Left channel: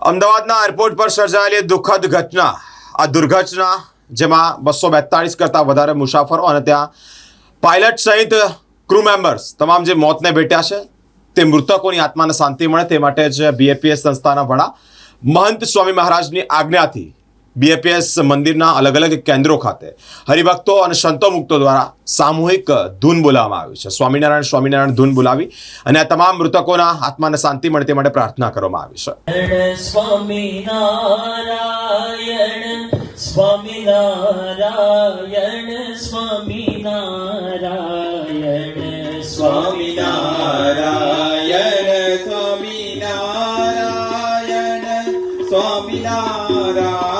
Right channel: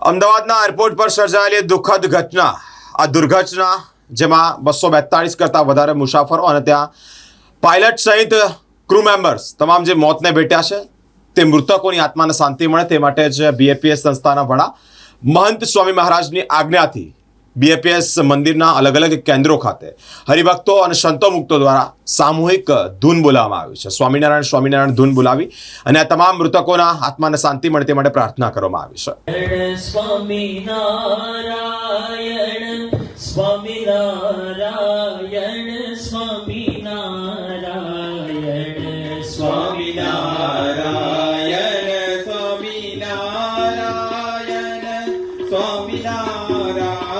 અમદાવાદના એરપોર્ટ પર સર્જાયેલી દુઃખદ ઘટના. આ દુર્ઘટના જેમાં બસો બેતાળીસ કરતાં વધારે મુસાફરો અને ત્યાં પાયલટ સહિત ક્રૂ મેમ્બર્સ તમામ જે મોતને ભેટ્યા છે, તે મૃતકોની આત્માને શાંતિ મળે તે માટે જ બીએપીએસ સંસ્થાના વડા મહંત સ્વામી મહારાજની આજ્ઞાથી બીએપીએસ મંદિરના અલગ અલગ કેન્દ્રો ખાતે. હરિભક્તો અને સંતો મુક્તો દ્વારા સામૂહિક ધૂન બોલાવવામાં આવ્યું છે. સ્વામિનારાયણ સ્વામિનારાયણ ધૂન બોલાવી અને આ તમામ મૃતકોના આત્માને શાંતિ મળે તે માટે પ્રાર્થના કરવામાં આવી છે. સ્વામિનારાયણ સ્વામિનારાયણ સ્વામિનારાયણ સ્વામિનારાયણ સ્વામિનારાયણ.